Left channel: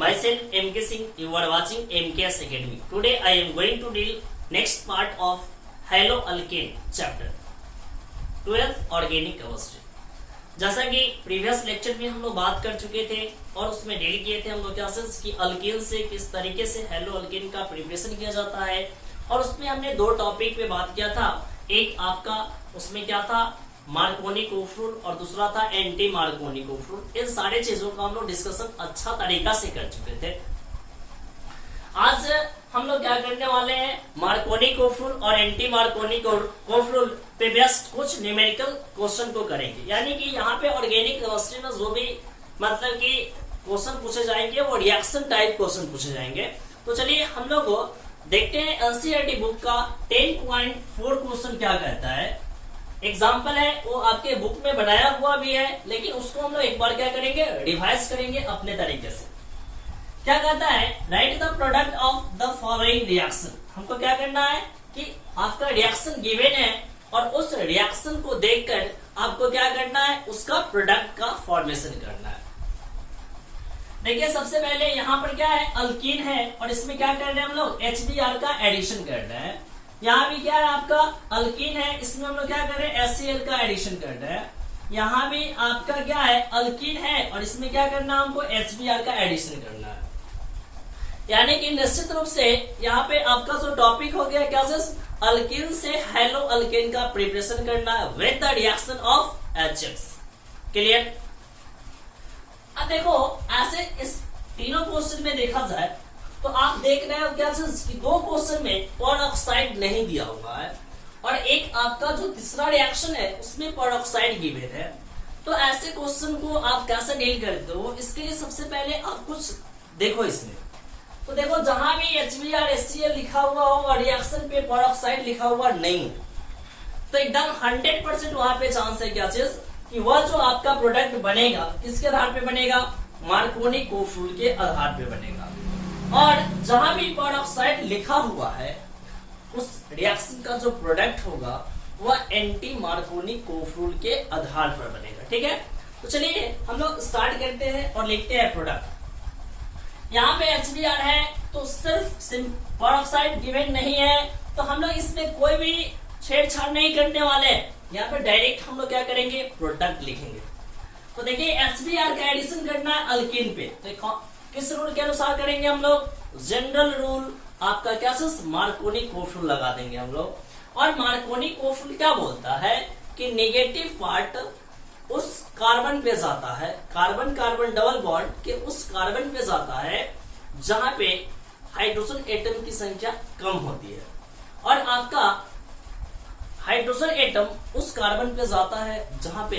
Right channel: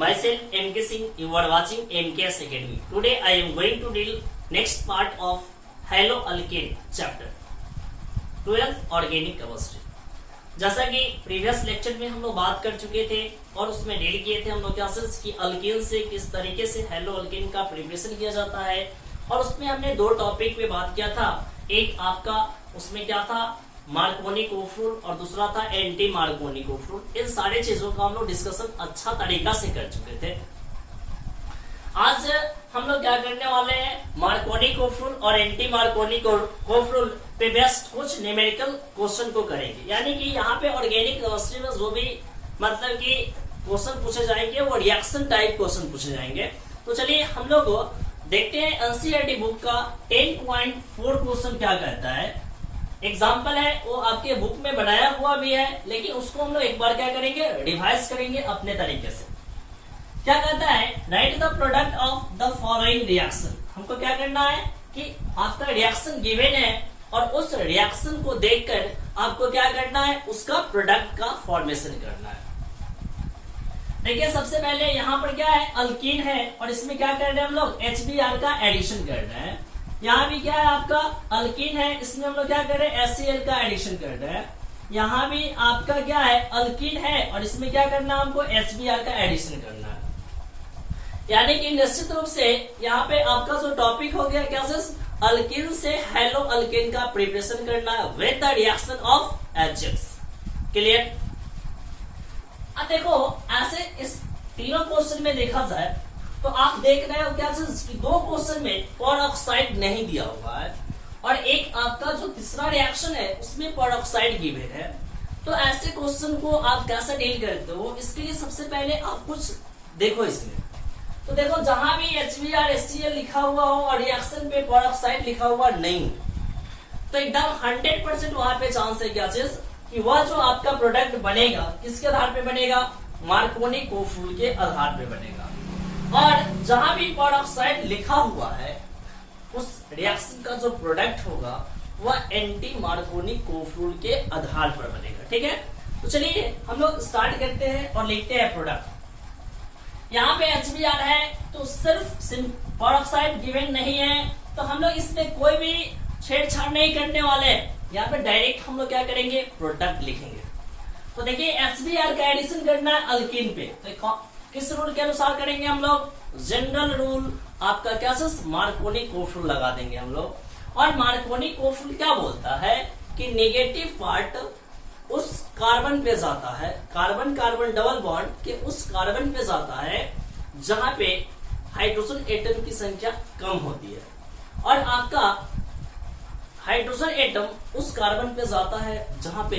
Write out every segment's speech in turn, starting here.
Myself MK Singh. You are watching MKS Academy. Today I am going to deal next part of haloalkane chapter 12 organic chemistry. जैसा कि previous lecture में हम लोग बात कर चुके थे और उसमें डील किए थे हम लोग क्लासेस की अल्केन से किस तरीके से हेलोअल्केन का प्रिपरेशन किया जाता है, और उसमें हमने दो टॉपिक पे बात किया था। एक आपका उसमें क्या था, मार्कोनी कोफ्रूल, और दूसरा था एंटी मार्कोनी कोफ्रूल। इन सारे चीजों का हम लोग डिस्कशन अच्छा तरीका से कर चुके थे। आज हम लोग क्या करने वाले हैं, मार्कोनी कोफ्रूल और एंटी मार्कोनी कोफ्रूल पे बेस्ड कुछ न्यूमेरिकल क्वेश्चन को करेंगे। यानी कि यहाँ पे ऑर्गेनिक केमिस्ट्री में जो भी मतलब कि क्वेश्चन पूछे जाएंगे वो रिएक्शन टाइप क्वेश्चन पूछे जाएंगे। तो चलिए हम लोग देखते हैं एनसीईआरटी बुक का 10.4 क्वेश्चन क्या कहता है। एग्जाम्पल है वो आपके बुक में बनाया हुआ भी है, लेकिन उसको हम लोग एक बार क्या करेंगे, रिवाइज करेंगे अपने तरीके से। क्या कहता है, right the product of the following reaction. हमको क्या करना है कि आपका रिएक्शन गिवन है और उस रिएक्शन को देखकर आपको क्या करना है, उसका प्रोडक्ट का फॉर्मेशन करना है। देखिए सबसे पहले यहाँ पर क्या है, अल्कीन है और इसमें क्या कर रहे हैं हम लोग, HBr का एडिशन कर रहे हैं। यहाँ भी क्या है आपका अल्कीन है, इसमें हम लोग क्या कर रहे हैं, HCl का एडिशन कर रहे हैं। यहाँ भी आपका क्या है, अल्कीन है और इसमें क्या करना है हमको, HBr का एडिशन करना है। यानी कि निश्चित रूप से यहाँ पे आपका जो टॉपिक हो गया क्या, अल्कीन से हेलो अल्केन का प्रिपरेशन करना है with the reaction of HX। Clear. अब देखो ऐसे इस तीनों क्वेश्चन में देखा जाए तो आप देख रहे हो क्या कि दो क्वेश्चन में पेरोक्साइड नहीं दिया हुआ है और एक आपका जो तीसरा रिएक्शन है उसमें पेरोक्साइड गिवन है। तो ऐसे क्वेश्चन को आप कैसे डील करते हो, इसके लिए सबसे पहले आप कुछ देखो इसमें। तो देखो जहां भी HBr HCl लिखा हुआ हो और रिएक्शन पे पेरोक्साइड लिखा हुआ नहीं है, तो एकदम 100% वहां पे चांस है क्या चीज कि वह जो आपका प्रोडक्ट बनेगा किसके आधार पे बनेगा, मार्कोनी कोफ्रूल के आधार पे बनेगा। और जहां भी पेरोक्साइड लिखा हुआ है उस रिएक्शन का जो प्रोडक्ट होगा वह एंटी मार्कोनी कोफ्रूल के आधार पर बनेगा। ठीक है, तो चलिए हम लोग स्टार्ट करते हैं और लिखते हैं प्रोडक्ट। यहाँ पे HBr है तो सिर्फ पेरोक्साइड गिवन नहीं है, तो हम लोग इसमें कोई भी छेड़छाड़ नहीं करने वाले हैं। यहाँ पे डायरेक्ट हम लोग क्या करेंगे, प्रोडक्ट लिखेंगे। तो देखिए HBr का एडिशन करना है अल्कीन पे, तो किस रूल के अनुसार करेंगे हम लोग, जनरल रूल आपका क्या, मार्कोनी कोफ्रूल लगा देंगे हम लोग। और मार्कोनी कोफ्रूल क्या बोलता है कि नेगेटिव पार्ट उस कार्बन पे जाता है, कार्बन कार्बन डबल बॉन्ड के उस कार्बन पे जाता है जहां पे हाइड्रोजन एटम की संख्या कम होती है, और आपका हाइड्रोजन एटम उस कार्बन पे जाता है जहां पे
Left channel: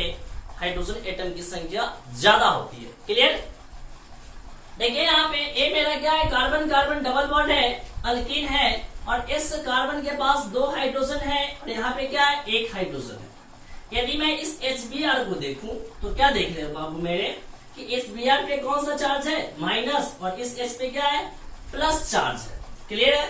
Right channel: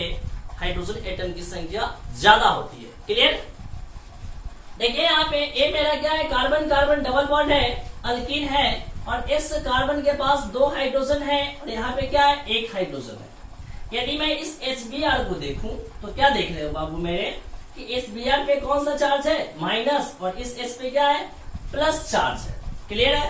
हाइड्रोजन एटम की संख्या ज्यादा होती है। क्लियर। देखिए यहाँ पे ये मेरा क्या है, कार्बन कार्बन डबल बॉन्ड है, अल्कीन है, और इस कार्बन के पास 2 हाइड्रोजन है और यहाँ पे क्या है, 1 हाइड्रोजन है। यदि मैं इस HBr को देखूं तो क्या देख रहे हो बाबू मेरे कि HBr पे कौन सा चार्ज है, माइनस, और इस H पे क्या है, प्लस चार्ज है। क्लियर है।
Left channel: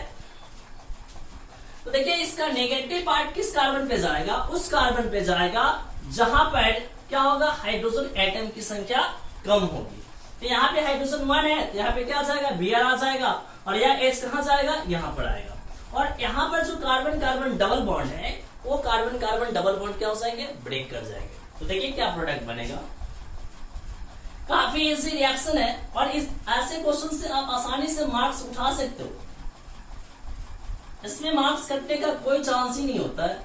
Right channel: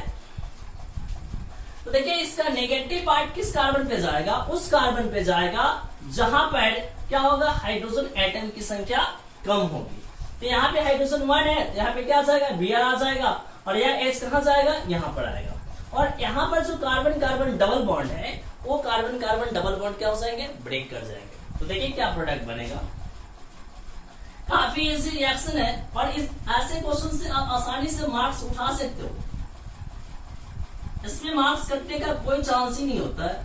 तो देखिए इसका नेगेटिव पार्ट किस कार्बन पे जाएगा, उस कार्बन पे जाएगा जहां पर क्या होगा, हाइड्रोजन एटम की संख्या कम होगी। तो यहाँ पे हाइड्रोजन 1 है तो यहाँ पे क्या आ जाएगा, Br आ जाएगा, और यह H कहाँ जाएगा, यहाँ पर आएगा। और यहाँ पर जो कार्बन कार्बन डबल बॉन्ड है वो कार्बन कार्बन डबल बॉन्ड क्या हो जाएंगे, ब्रेक कर जाएंगे। तो देखिए क्या प्रोडक्ट बनेगा। काफी इजी रिएक्शन है और इस ऐसे क्वेश्चन से आप आसानी से मार्क्स उठा सकते हो। इसमें मार्क्स कटने का कोई चांस ही नहीं होता है।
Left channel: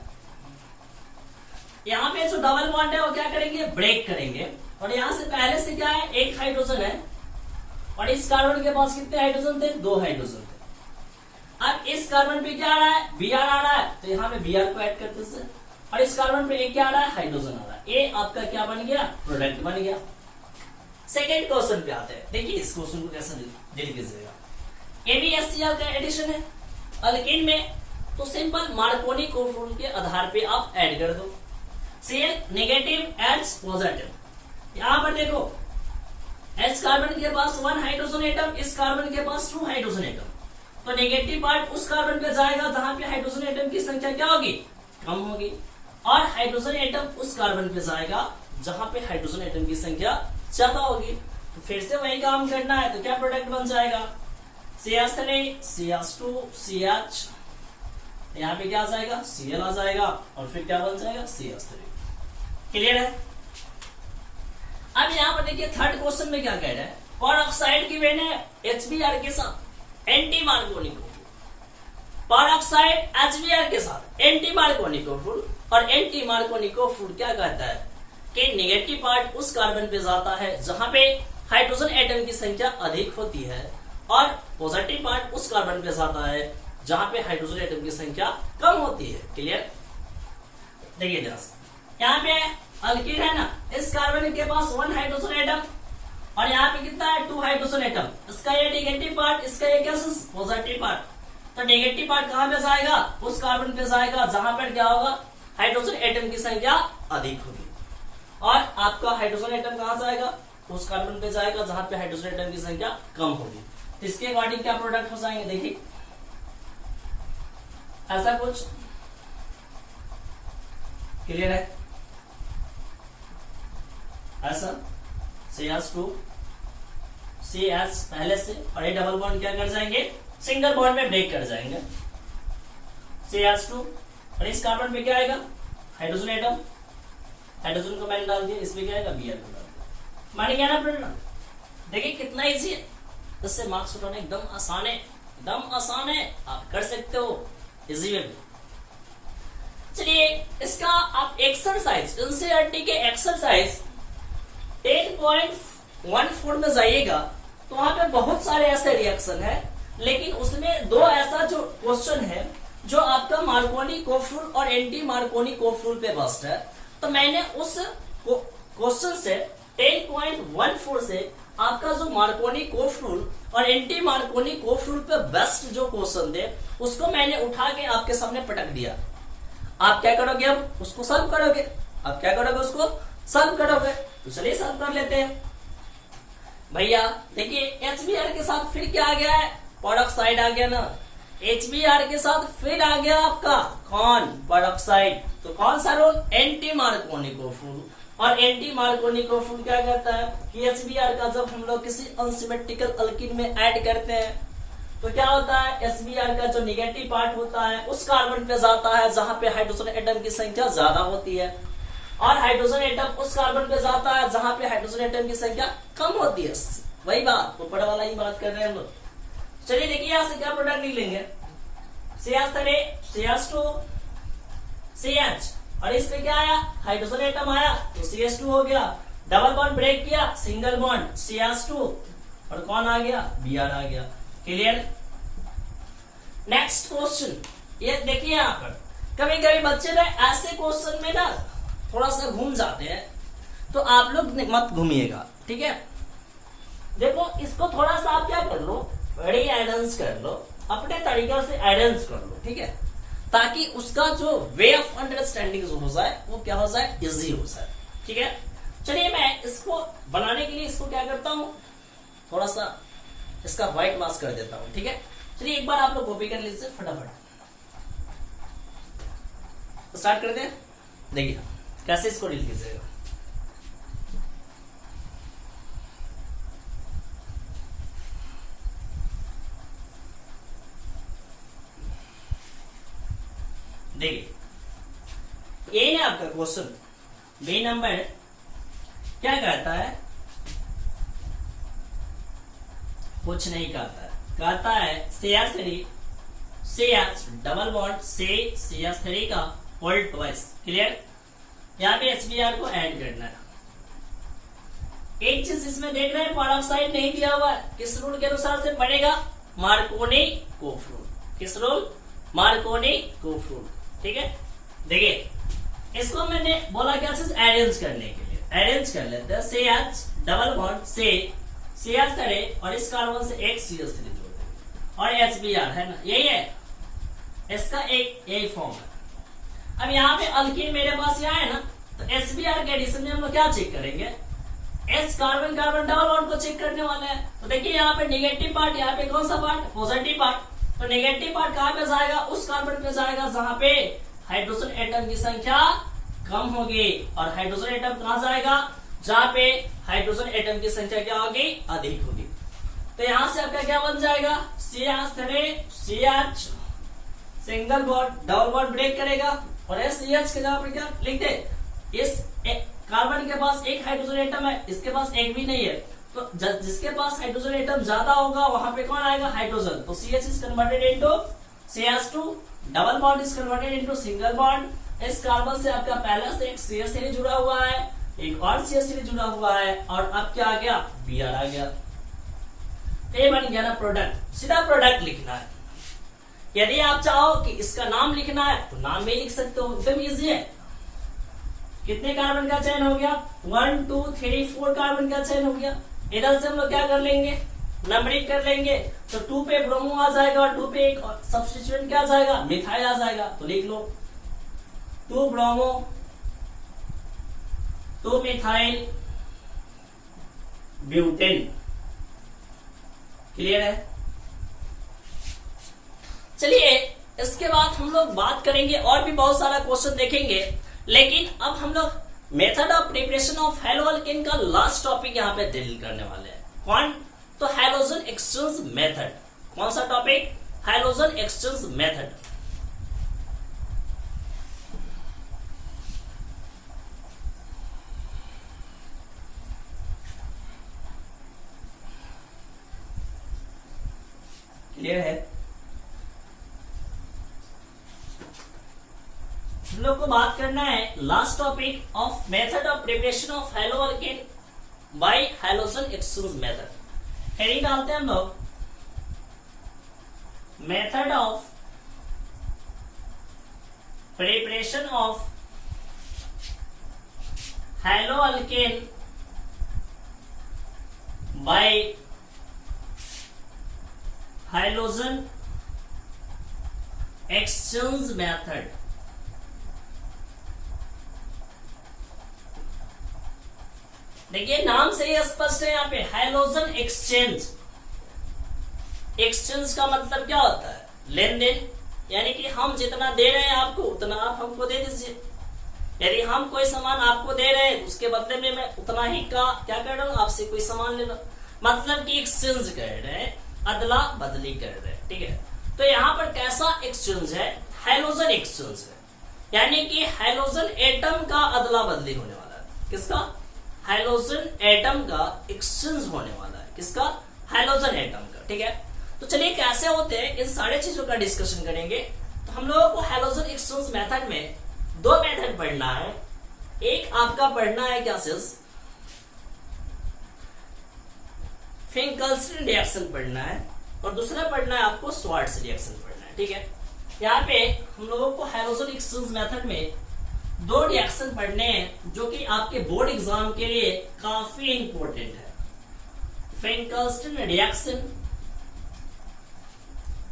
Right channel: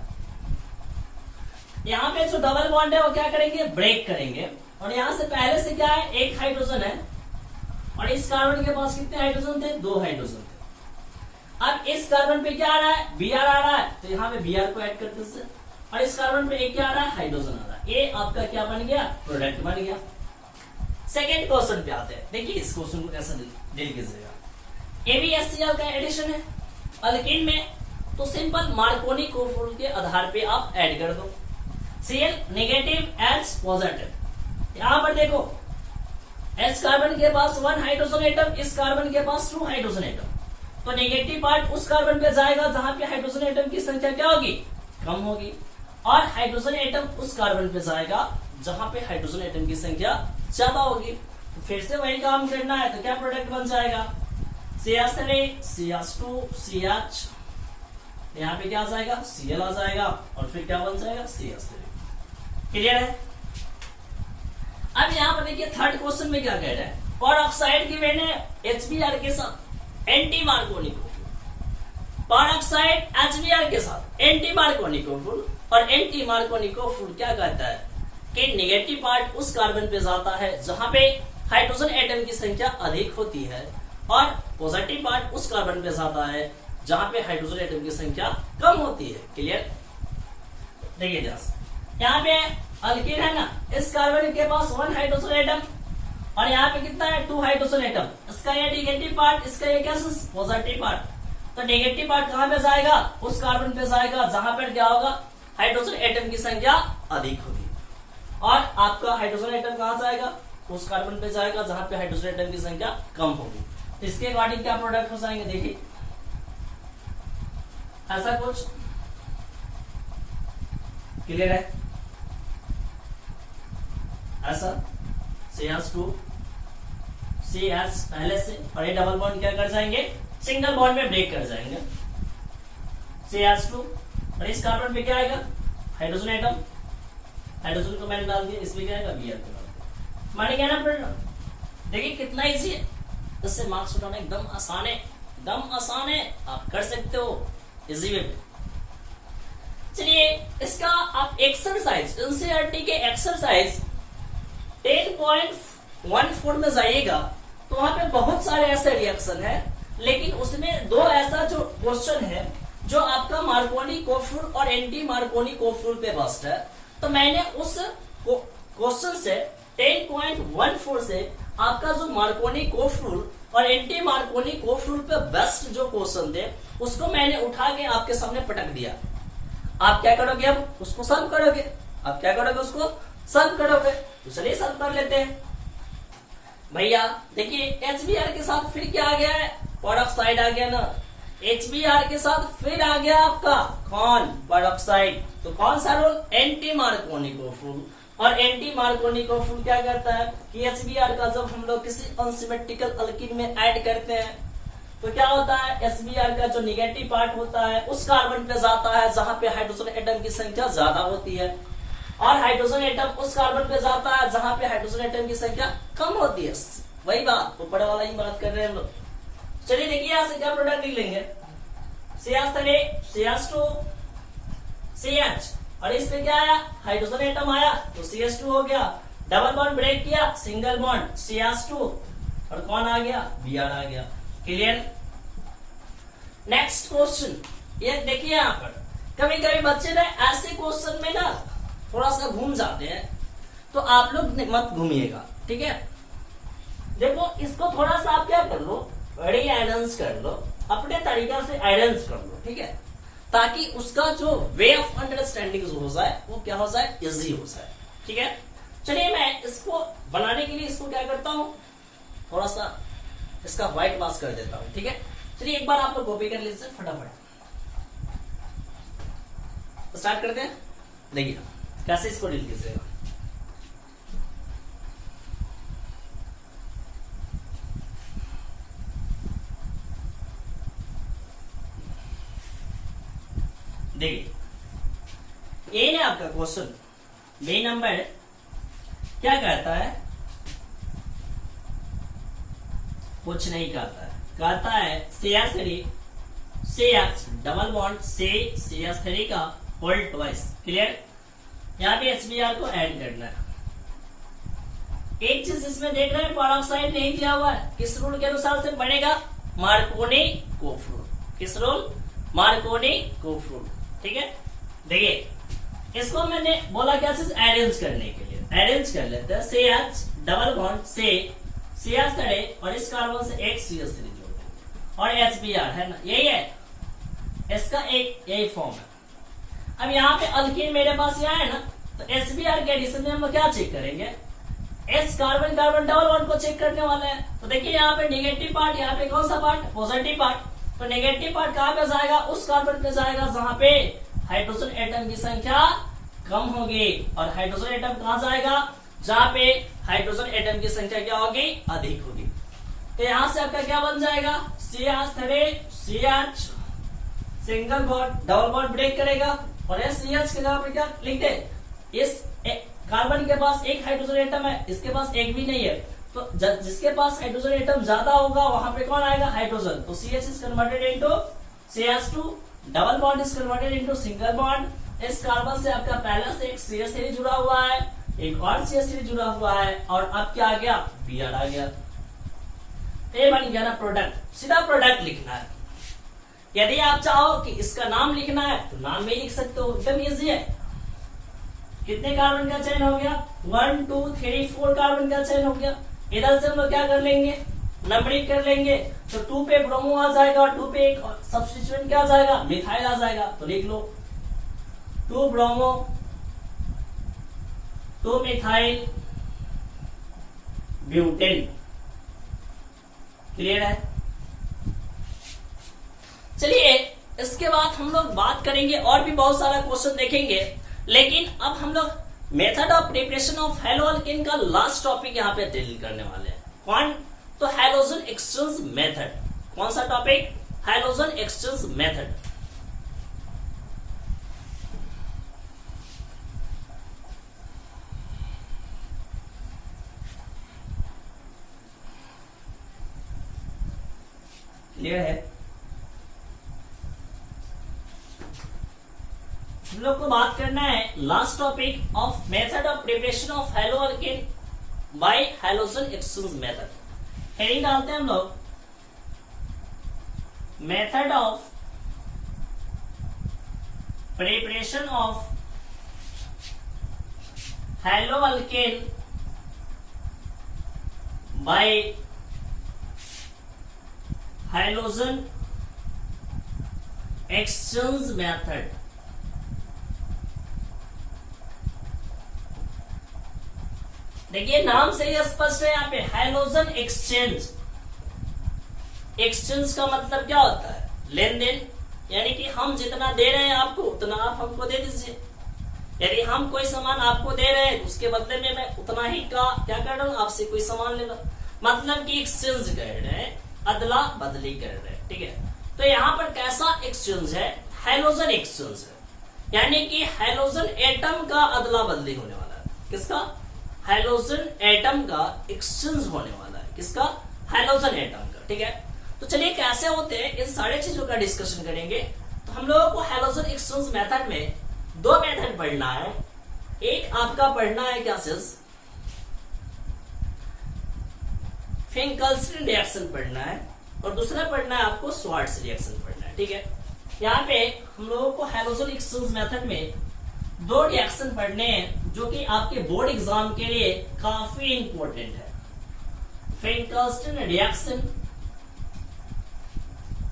यहाँ पे जो डबल बॉन्ड है वो क्या करेंगे, ब्रेक करेंगे, और यहाँ से पहले से क्या है, 1 हाइड्रोजन है, और इस कार्बन के पास कितने हाइड्रोजन थे, 2 हाइड्रोजन थे। अब इस कार्बन पे क्या आ रहा है, Br आ रहा है, तो यहाँ पे Br को ऐड करते हैं, और इस कार्बन पे क्या आ रहा है, हाइड्रोजन आ रहा है। ये आपका क्या बन गया, प्रोडक्ट बन गया। सेकेंड क्वेश्चन पे आते हैं। देखिए इस क्वेश्चन को कैसे डील कीजिएगा। AbHCl का एडिशन है अल्कीन में, तो सिंपल मार्कोनी कोफ्रूल के आधार पे आप ऐड कर दो। Cl negative, H positive. यहाँ पर देखो H कार्बन के पास 1 हाइड्रोजन एटम, इस कार्बन के पास 2 हाइड्रोजन एटम, तो नेगेटिव पार्ट उस कार्बन पे जाएगा जहां पे हाइड्रोजन एटम की संख्या क्या होगी, कम होगी, और हाइड्रोजन एटम उस कार्बन पे जाएगा जहां पे हाइड्रोजन एटम की संख्या ज्यादा होगी। तो फिर से वही काम करना है, तो क्या प्रोडक्ट बन जाएगा, CH3 CH2 CH, यहाँ पे क्या आ जाएगा, Cl आ जाएगा और फिर क्या बन जाएगा, CH3। क्लियर है। अब यहाँ पर देखिए थर्ड क्वेश्चन में क्या कह रहा है, पर ऑक्साइड की मैंने HBr के साथ एंटी मार्कोनिक, पर ऑक्साइड HBr के साथ एंटी मार्कोनिकोफुल, और एंटी मार्कोनिकोफुल क्या कहता है कि नेगेटिव पार्ट उस कार्बन पे जाता है जहां पे हाइड्रोजन एटम की संख्या अधिक होती है, और पॉजिटिव पार्ट उस कार्बन पे जाता है जहां पे हाइड्रोजन एटम की संख्या कम होती है। क्लियर। देखिए जरा यहाँ पे अल्कीन है ना, इस कार्बन के पास 1 हाइड्रोजन एटम, और यहाँ पे कितना है, 2 हाइड्रोजन एटम, इसका ये नेगेटिव पार्ट, इसका ये क्या पॉजिटिव पार्ट। तो नेगेटिव पार्ट कहां पे जाएगा, उस कार्बन पे जाएगा जहां पर क्या होगा, हाइड्रोजन एटम की संख्या अधिक होगी, और आपका हाइड्रोजन एटम कहां जाएगा, उस कार्बन पे जाएगा जहां पे हाइड्रोजन एटम की संख्या कम होगी। तो इसके अकॉर्डिंग क्या प्रोडक्ट हो जाएंगे, देखिए ऐसा कुछ। क्लियर है। ऐसा CH2 CH पहले से, और ये डबल बॉन्ड क्या कर जाएंगे, सिंगल बॉन्ड में ब्रेक कर जाएंगे, CH2, और इस कार्बन पे क्या आएगा, हाइड्रोजन एटम, हाइड्रोजन को मैंने डाल दिया, इसमें क्या आएगा, Br को डाल दिया। मान गया ना फ्रेंड। देखिए कितना इजी है, इससे मार्क्स उठाना एकदम आसान है, एकदम आसान है, आप कर सकते हो इजी वे। चलिए इसका आप एक्सरसाइज, एनसीईआरटी के एक्सरसाइज 10.14 में जाइएगा तो वहां पे बहुत सारे ऐसे रिएक्शन है, लेकिन उसमें दो ऐसा जो क्वेश्चन है जो आपका मार्कोनी-कोफुल और एंटी मार्कोनी-कोफुल पे बेस्ड है। तो मैंने उस क्वेश्चन से 10.14 से आपका जो मार्कोनी-कोफुल और एंटी मार्कोनी-कोफुल पे बेस्ड जो क्वेश्चन थे उसको मैंने उठा के आपके सामने पटक दिया। आप क्या करोगे, अब उसको सॉल्व करोगे, आप क्या करोगे, उसको सॉल्व करोगे। तो चलिए सॉल्व कर लेते हैं भैया। देखिए HBr के साथ फिर क्या आ गया है, पेरोक्साइड आ गया ना, HBr के साथ फिर आ गया आपका कौन, पेरोक्साइड। तो कौन सा रोल, एंटी मार्कोनी-कोफुल। और एंटी मार्कोनी-कोफुल क्या करता है कि HBr का जब हम लोग किसी अनसिमेट्रिकल अल्कीन में ऐड करते हैं तो क्या होता है, HBr का जो निगेटिव पार्ट होता है उस कार्बन पे जाता है जहां पे हाइड्रोजन एटम की संख्या ज्यादा होती है, और हाइड्रोजन एटम उस कार्बन पे जाता है जहां पे हाइड्रोजन एटम की संख्या कम होती है। वही बात, ऊपर वाला ही बात कर रहे हैं हम लोग। चलिए देखिए यहां से क्या प्रोडक्ट निकलेंगे, CH3 CH2 CH, और इस पे क्या आया, हाइड्रोजन एटम आया तो CH2 हो गया, डबल बॉन्ड ब्रेक किया, सिंगल बॉन्ड CH2, और कौन आ गया, Br आ गया। क्लियर। नेक्स्ट क्वेश्चन, ये देखिए यहाँ पर कभी कभी बच्चे ना ऐसे क्वेश्चन में ना थोड़ा सा घूम जाते हैं, तो आप लोग मत घूमिएगा, ठीक है। देखो इसको थोड़ा सा आप क्या कर लो, री-एडेंस कर लो, अपने तरीका से एडेंस कर लो, ठीक है, ताकि उसका जो वे ऑफ अंडरस्टैंडिंग हो जाए वो क्या हो जाए, इजी हो जाए, ठीक है। चलिए मैं इसको बनाने के लिए इसको क्या करता हूं, थोड़ा सा इसका व्हाइट मास्क कर देता हूं, ठीक है। चलिए एक बार आप लोग कॉपी कर लीजिए फटाफट, तो स्टार्ट करते हैं। देखिए कैसे इसको डील कीजिएगा। देखिए ये ना आपका क्वेश्चन बी नंबर क्या कहता है, कुछ नहीं कहता है CH3 CH डबल बॉन्ड से CH3 का होल ट्वाइस। क्लियर। यहाँ पे HBr को ऐड करना है। एक चीज इसमें देखना है, पेरोक्साइड नहीं दिया हुआ है, किस रूल के अनुसार से बनेगा, मार्कोनी-कोफुल। किस रूल, मार्कोनी-कोफुल, ठीक है। देखिए इसको मैंने बोला क्या चीज, अरेंज करने के लिए, अरेंज कर लेते हैं। CH डबल बॉन्ड से CH3 और इस कार्बन से एक CH3 जोड़ और HBr है ना, यही है इसका एक यही फॉर्म है। अब यहाँ पे अल्कीन मेरे पास यहाँ है ना, तो HBr के एडिशन में हम लोग क्या चेक करेंगे, H carbon carbon double bond को चेक करने वाले हैं। तो देखिए यहाँ पे नेगेटिव पार्ट, यहाँ पे कौन सा पार्ट, पॉजिटिव पार्ट। तो नेगेटिव पार्ट कहाँ पे जाएगा, उस कार्बन पे जाएगा जहां पे हाइड्रोजन एटम की संख्या कम होगी, और हाइड्रोजन एटम कहाँ जाएगा, जहां पे हाइड्रोजन एटम की संख्या क्या होगी, अधिक होगी। तो यहां से आपका क्या बन जाएगा, CH single bond, double bond break करेगा और SCH के जगह पे क्या लिखते, इस कार्बन के पास एक हाइड्रोजन एटम है, इसके पास एक भी नहीं है, तो जिसके पास हाइड्रोजन एटम ज्यादा होगा वहां पे कौन आएगा, हाइड्रोजन। तो CH is converted into CH2, double bond is converted into single bond. इस कार्बन से आपका पहला से एक CH3 जुड़ा हुआ है, एक और CH3 जुड़ा हुआ है, और अब क्या आ गया, Br आ गया। ये बन गया ना प्रोडक्ट। सीधा प्रोडक्ट लिखना है। यदि आप चाहो कि इसका नाम लिखना है तो नाम में लिख सकते हो, एकदम इजी है। कितने कार्बन का चयन हो गया, 1 2 3 4 कार्बन का चयन हो गया। इधर से हम लोग क्या कर लेंगे, नंबरिंग कर लेंगे। तो 2 पे ब्रोमो आ जाएगा और 2 पे एक सब्स्टिट्यूएंट क्या आ जाएगा, मिथाइल आ जाएगा। तो लिख लो 2 ब्रोमो 2 मिथाइल ब्यूटेन। क्लियर है। चलिए इसके बाद हम लोग बात करेंगे, और भी बहुत सारा क्वेश्चन देखेंगे, लेकिन अब हम लोग method of preparation of hello alkane का लास्ट टॉपिक यहाँ पे डील करने वाले हैं। कौन, तो हैलोजन एक्सचेंज मेथड। कौन सा topic, halogen exchange method. Clear है। हम लोग को बात करना है last topic of method of preparation of hello alkane bye halogen exchange method. Heading डालते हैं हम लोग, method of preparation of hello alkane bye halogen exchange method. देखिए नाम से ही स्पष्ट है यहाँ पे, हैलोजन एक्सचेंज। एक्सचेंज का मतलब क्या होता है, लेन देन, यानी कि हम जितना दे रहे हैं आपको उतना आप हमको दे दीजिए। यदि हम कोई सामान आपको दे रहे हैं तो उसके बदले में मैं उतना ही का क्या कर रहा हूँ, आपसे कोई सामान ले लो, मतलब कि एक्सचेंज कर रहे हैं, अदला बदली कर रहे हैं। ठीक है। तो यहाँ पर कैसा एक्सचेंज है, हैलोजन एक्सचेंज है, यानी कि हैलोजन एटम का अदला बदली होने वाला है। किसका, हैलोजन एटम का एक्सचेंज होने वाला है। किसका, हैलोजन एटम का। ठीक है। तो चलिए कैसे होते हैं इन सारे चीजों का डिस्कशन करेंगे। तो हम लोगों को हैलोजन एक्सचेंज मेथड में 2 मेथड पढ़ना है। एक आपका पढ़ना है क्या सिर्फ फिंकल्स्टीन रिएक्शन पढ़ना है, और दूसरा पढ़ना है आपको स्वार्ट्ज रिएक्शन पढ़ना है। ठीक है। यहाँ पे हम लोगों को हैलोजन एक्सचेंज मेथड में 2 रिएक्शन पढ़ने हैं जो कि आपके बोर्ड एग्जाम के लिए काफी इंपॉर्टेंट है। फिंकल्स्टीन रिएक्शन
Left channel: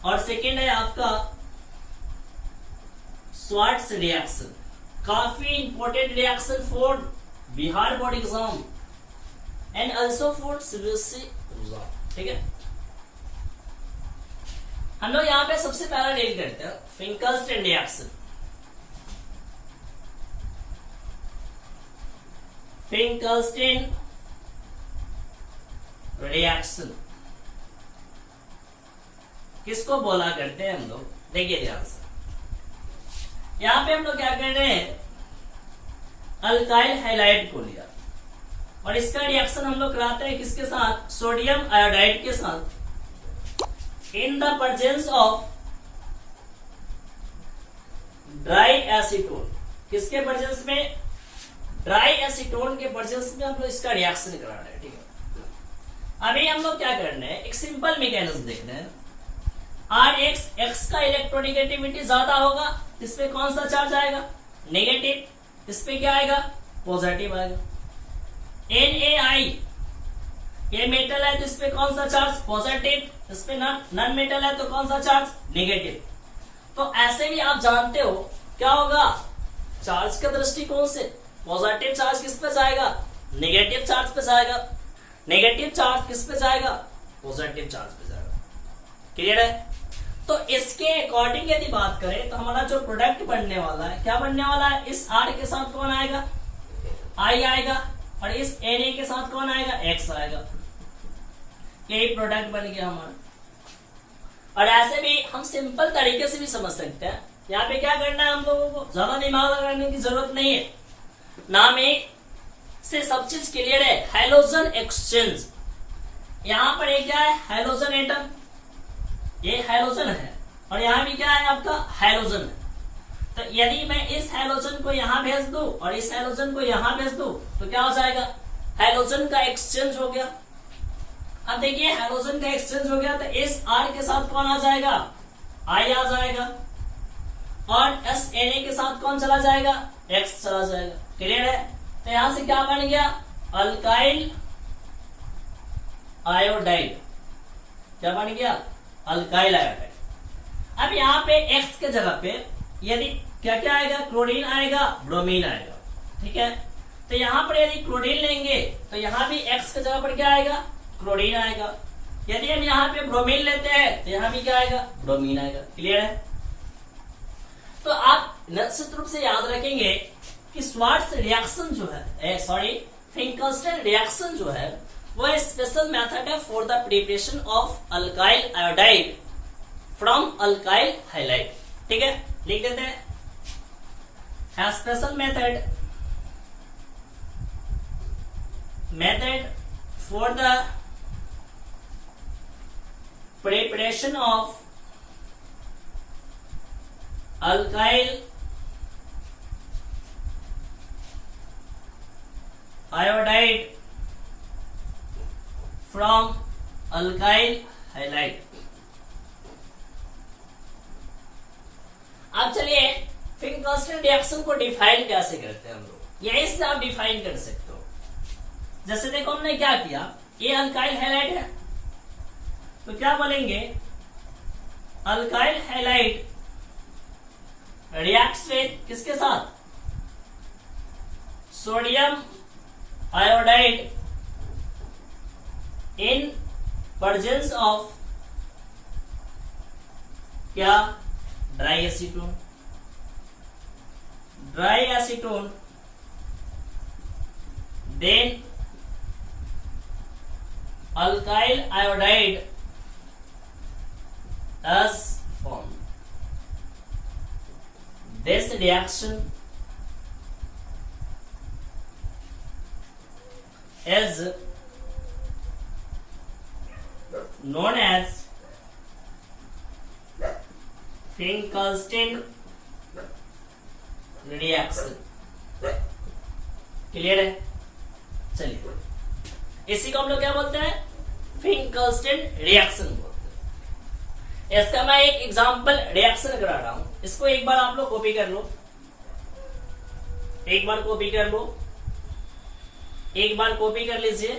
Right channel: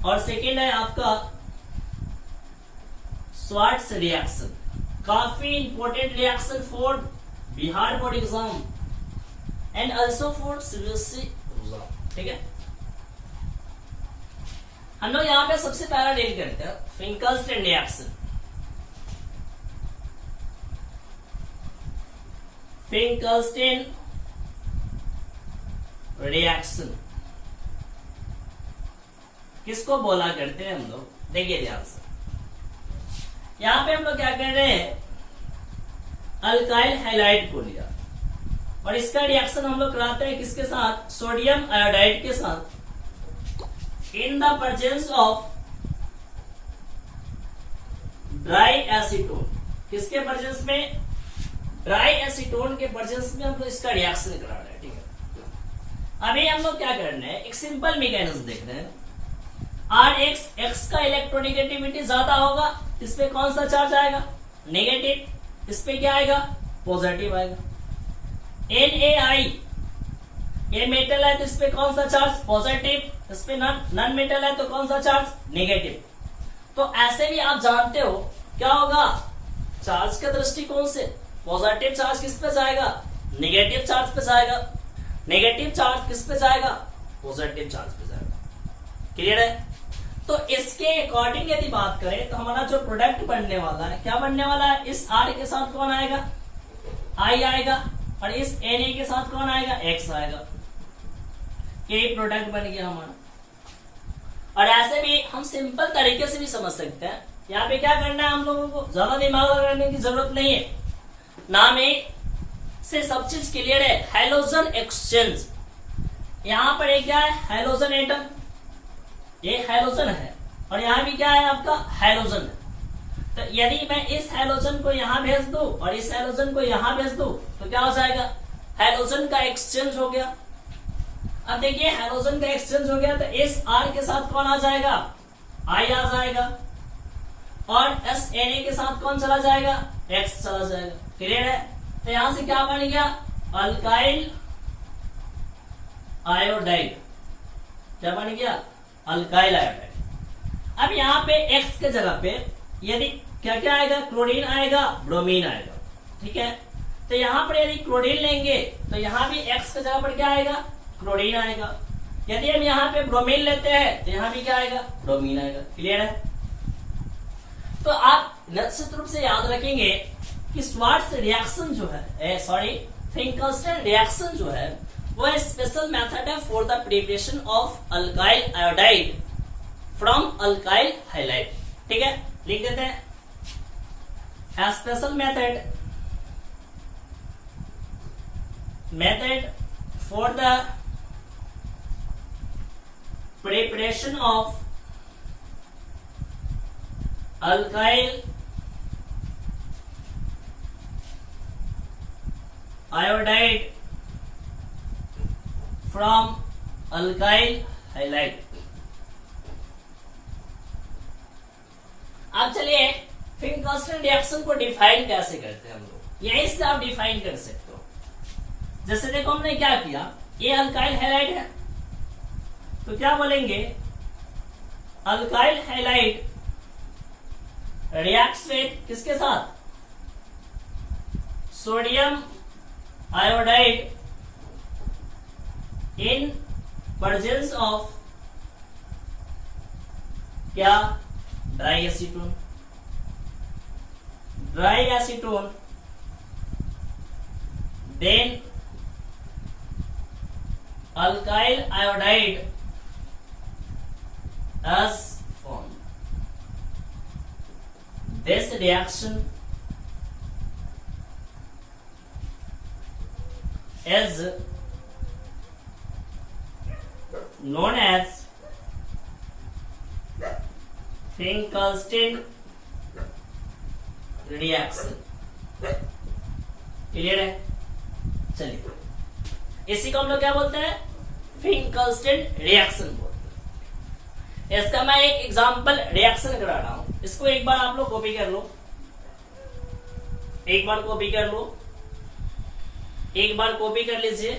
और सेकेंड है आपका स्वार्ट्ज रिएक्शन। काफी important reaction for Bihar board exam and also for CBSE exam. ठीक है। हम लोग यहाँ पे सबसे पहला डील करते हैं फिंकल्स्टीन रिएक्शन। फिंकल्स्टीन रिएक्शन किसको बोला करते हैं हम लोग, देखिए ध्यान से। यहां पे हम लोग क्या कर रहे हैं, अल्काइल हैलाइड को लिया और इसका रिएक्शन हम लोग कराते हैं किसके साथ, सोडियम आयोडाइड के साथ, in the presence of dry acetone. किसके प्रेजेंस में, ड्राई एसीटोन के प्रेजेंस में हम लोग इसका रिएक्शन करा रहे हैं। ठीक है। अभी हम लोग क्या करने हैं, एक सिंपल मैकेनिज्म देख रहे हैं। RX X का इलेक्ट्रोनेगेटिविटी ज्यादा होगा, इस पे कौन सा चार्ज आएगा, नेगेटिव, इस पे क्या आएगा, पॉजिटिव आएगा। NaI ये मेटल है तो इस पे कौन सा चार्ज, पॉजिटिव, इस पे नॉन मेटल है तो कौन सा चार्ज, नेगेटिव। तो ऐसे भी आप जानते हो क्या होगा, चार्ज के दृष्टिकोण से पॉजिटिव चार्ज किस पे जाएगा, नेगेटिव चार्ज पे जाएगा, नेगेटिव चार्ज किस पे जाएगा, पॉजिटिव चार्ज पे जाएगा। क्लियर है। तो इसके अकॉर्डिंग यदि बात करें तो हमारा जो प्रोडक्ट बनने वाला है क्या बनने वाला है, इस R के साथ कौन आएगा, I आएगा, और इस Na के साथ कौन आएगा, X आएगा। यही प्रोडक्ट बन गया हमारा। और ऐसे भी हम सिंपल तरीके से भी समझ सकते हैं। यहाँ पे क्या करना है हम लोगों को, ज्यादा दिमाग लगाने की जरूरत नहीं है, नाम ही से सब चीज क्लियर है। हाइड्रोजन एक्सचेंज, यहाँ पर एक क्या है, हाइड्रोजन एटम, ये हाइड्रोजन है और यहाँ भी क्या है आपका, हाइड्रोजन है। तो यदि मैं इस हाइड्रोजन को यहाँ भेज दूं और इस हाइड्रोजन को यहाँ भेज दूं तो क्या हो जाएगा, हाइड्रोजन का एक्सचेंज हो गया। अब देखिए हाइड्रोजन का एक्सचेंज हो गया तो इस R के साथ कौन आ जाएगा, I आ जाएगा और एस Na के साथ कौन चला जाएगा, X चला जाएगा। क्लियर है। तो यहां से क्या बन गया, अल्काइल आयोडाइड। क्या बन गया, अल्काइल आयोडाइड। अब यहाँ पे X के जगह पे यदि क्या क्या आएगा, क्लोरीन आएगा, ब्रोमीन आएगा। ठीक है। तो यहाँ पर यदि क्लोरीन लेंगे तो यहाँ भी X के जगह पर क्या आएगा, क्लोरीन आएगा। यदि हम यहाँ पे ब्रोमीन लेते हैं तो यहाँ भी क्या आएगा, ब्रोमीन आएगा। क्लियर है। तो आप निश्चित रूप से याद रखेंगे कि स्वार्ट्स रिएक्शन जो है, फिंकलस्टन रिएक्शन जो है वो स्पेशल मेथड है for the preparation of alkyl iodide from alkyl highlight. ठीक है, लिख देते हैं, special method for the preparation of alkyl iodide from alkyl halide। अब चलिए फिंकलस्टन रिएक्शन को डिफाइन कैसे करते हैं हम लोग, यहीं से आप डिफाइन कर सकते हो। जैसे देखो हमने क्या किया, ये अल्काइल हैलाइड है तो क्या बोलेंगे, अल्काइल हैलाइड रिएक्ट्स विद किसके साथ, sodium iodide in presence of क्या, dry acetone. Dry acetone then alkyl iodide as formed. This reaction is known as Finkelstein reaction। Clear है। चलिए इसी को हम लोग क्या बोलते हैं, फिंकलस्टेन रिएक्शन बोलते हैं। इसका मैं एक एग्जांपल रिएक्शन करा रहा हूं, इसको एक बार आप लोग कॉपी कर लो, एक बार कॉपी कर लो, एक बार कॉपी कर लीजिए।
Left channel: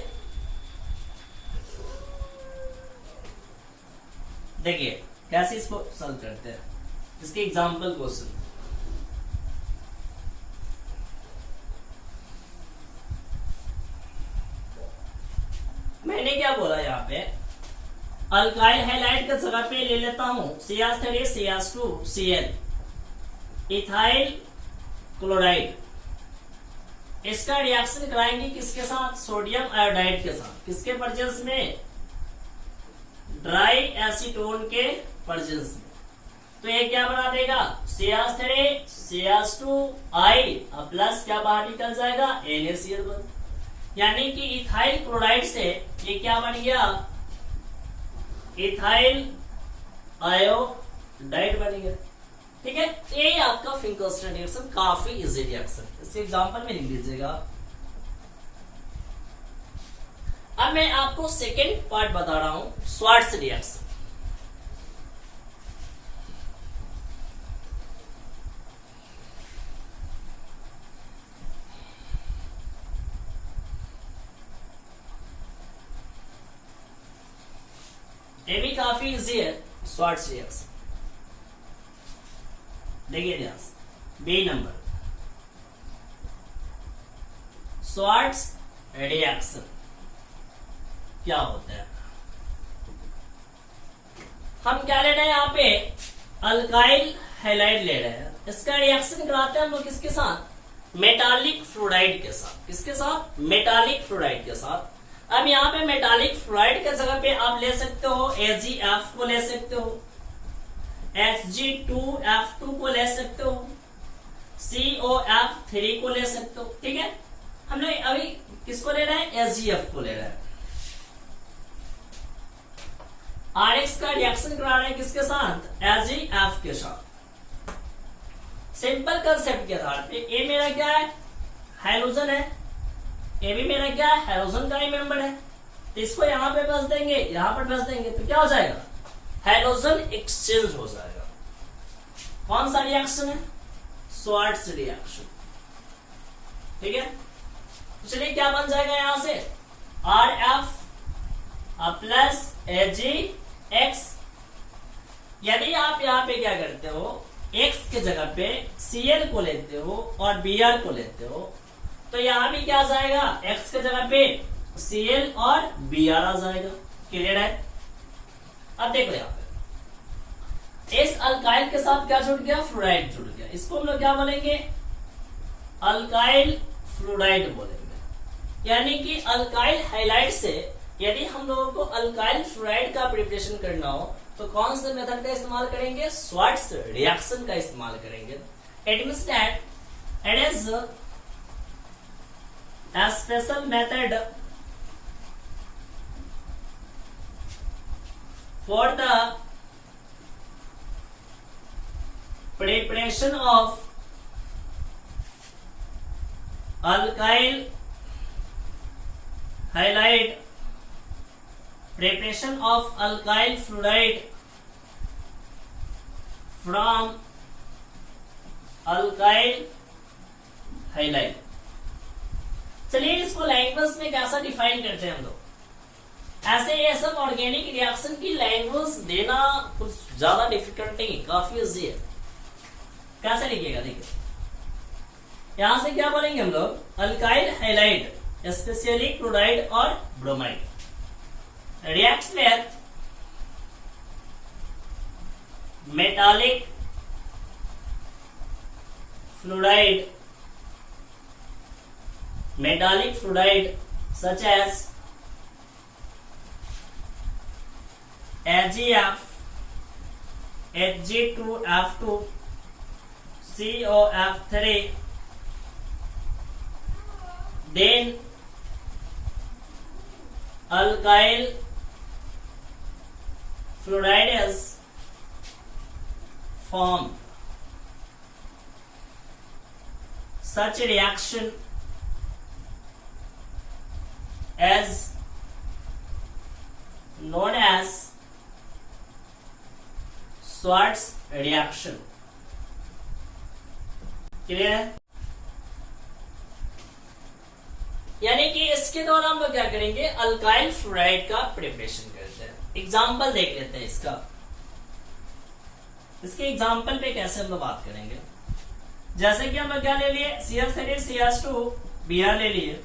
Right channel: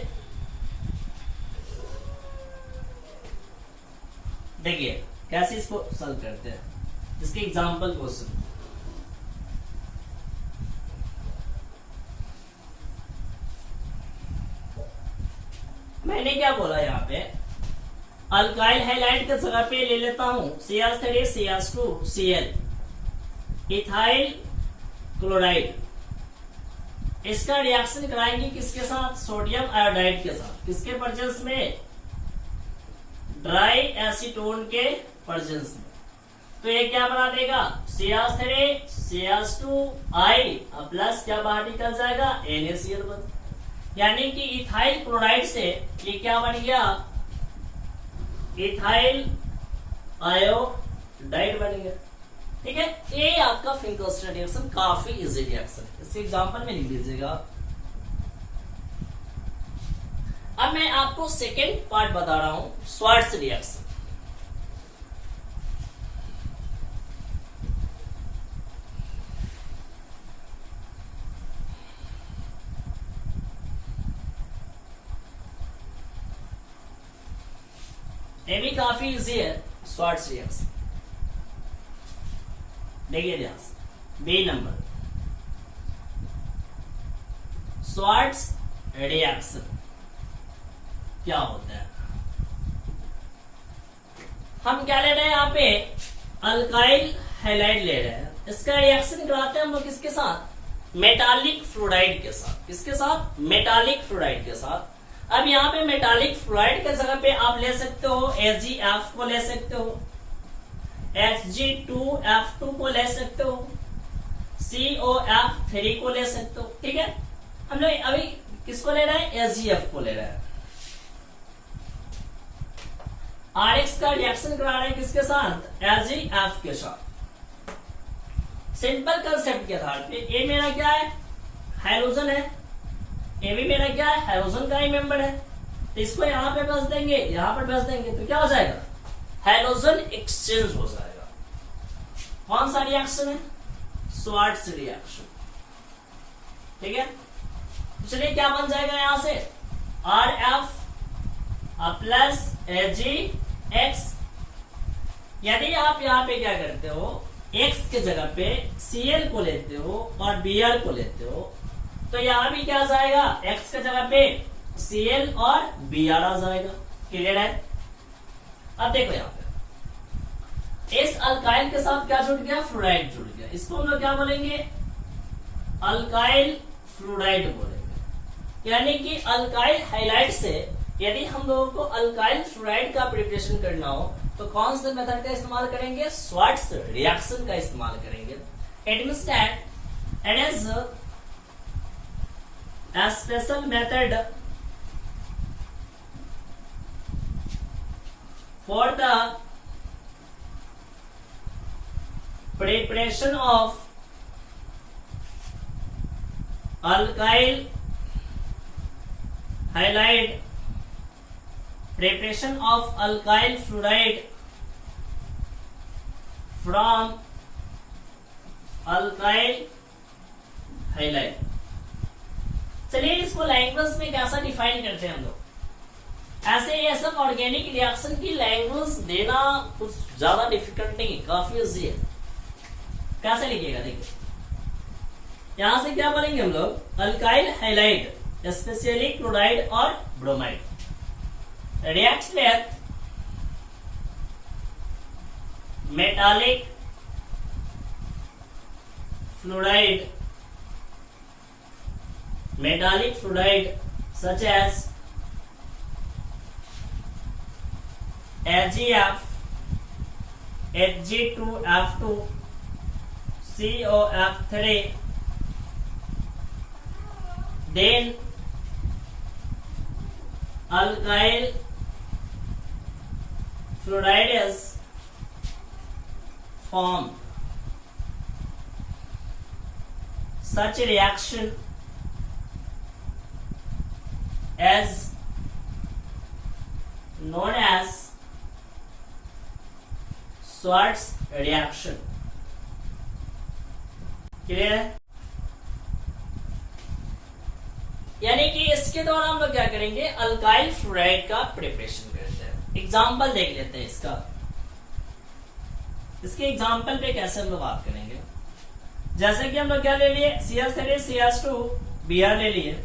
देखिए कैसे इसको सॉल्व करते हैं, इसके एग्जांपल क्वेश्चन। मैंने क्या बोला यहाँ पे, अल्काइल हैलाइड का जगह पे ले लेता हूं CH3 CH2 Cl, ethyl chloride. इसका रिएक्शन कराएंगे किसके साथ, सोडियम आयोडाइड के साथ। किसके प्रेजेंस में, ड्राई एसीटोन के प्रेजेंस में। तो ये क्या बना देगा, CH3 CH2I प्लस क्या बाहर निकल जाएगा, NaCl। यानी कि इथाइल क्लोराइड से ये क्या बन गया, इथाइल आयोडाइड बन गया। ठीक है, ये आपका फिंकलस्टन रिएक्शन काफी इजी रिएक्शन, इसके एग्जांपल में लिख लीजिएगा। अब मैं आपको सेकेंड पार्ट बता रहा हूं, स्वार्ट्स रिएक्शन। ये भी काफी इजी है, स्वार्ट्स रिएक्शन। देखिए ध्यान से, बी नंबर, स्वार्ट्स रिएक्शन क्या होता है। हम क्या ले रहे हैं यहाँ पे, अल्काइल हैलाइड ले रहे हैं। इसका रिएक्शन कराते हैं हम लोग किसके साथ, मेटालिक फ्लोराइड के साथ। किसके साथ? मेटालिक फ्लोराइड के साथ। अब यहाँ पे मेटालिक फ्लोराइड के जगह पे आप ले सकते हो AgF को ले सकते हो, Hg2F2 को ले सकते हो, COF3 को ले सकते हो। ठीक है, हम लोग अभी किसको ले रहे हैं? HgF को ले रहे हैं। RX का रिएक्शन करा रहे हैं किसके साथ? HgF के साथ। सिंपल कंसेप्ट के आधार पे ए मेरा क्या है? हाइड्रोजन है, ए भी मेरा क्या है? हाइड्रोजन का ही मेंबर है। तो इसको यहां पे बस देंगे, यहां पर बस देंगे, तो क्या हो जाएगा? हाइड्रोजन एक्सचेंज हो जाएगा। कौन सा रिएक्शन है? Swarts reaction. ठीक है, चलिए क्या बन जाएगा यहां से? RF plus AgX। यदि आप यहाँ पे क्या करते हो, X के जगह पे Cl को लेते हो और Br को लेते हो, तो यहां भी क्या आ जाएगा? X के जगह पे Cl और Br आ जाएगा। क्लियर है? अब देखो यहाँ पे इस अल्काइल के साथ क्या जुड़ गया? फ्लोराइड जुड़ गया। इसको हम लोग क्या बोलेंगे? अल्काइल फ्लोराइड बोलेंगे। यानी कि अल्काइल हाइलाइट से यदि हम लोगों को अल्काइल फ्लोराइड का प्रिपरेशन करना हो तो कौन से मेथड का इस्तेमाल करेंगे? स्वार्ट्ज रिएक्शन का इस्तेमाल करेंगे। It means that it is a special method for the preparation of alkyl halide, preparation of alkyl fluoride from alkyl halide। चलिए इसको लैंग्वेज में कैसा डिफाइन करते हैं हम लोग। ऐसे ये सब ऑर्गेनिक रिएक्शन की लैंग्वेज देना कुछ ज्यादा डिफिकल्ट नहीं, काफी इजी है। कैसे लिखिएगा? देखिए यहां से क्या बोलेंगे हम लोग? अल्काइल हाइलाइड स्पेशली क्लोराइड और bromide reacts with metallic fluoride, metallic fluoride such as AgF, Hg2F2, COF3, then alkyl fluoride is formed. Such a reaction as known as Schwarz reaction। Clear है? यानी कि इसके द्वारा हम लोग क्या करेंगे? अल्काइल फ्लोराइड का प्रिपरेशन करते हैं। एग्जाम्पल देख लेते हैं इसका। इसके एग्जाम्पल पे कैसे हम लोग बात करेंगे? जैसे कि हम लोग क्या ले लिए? CH3 CH2 Br ले लिए।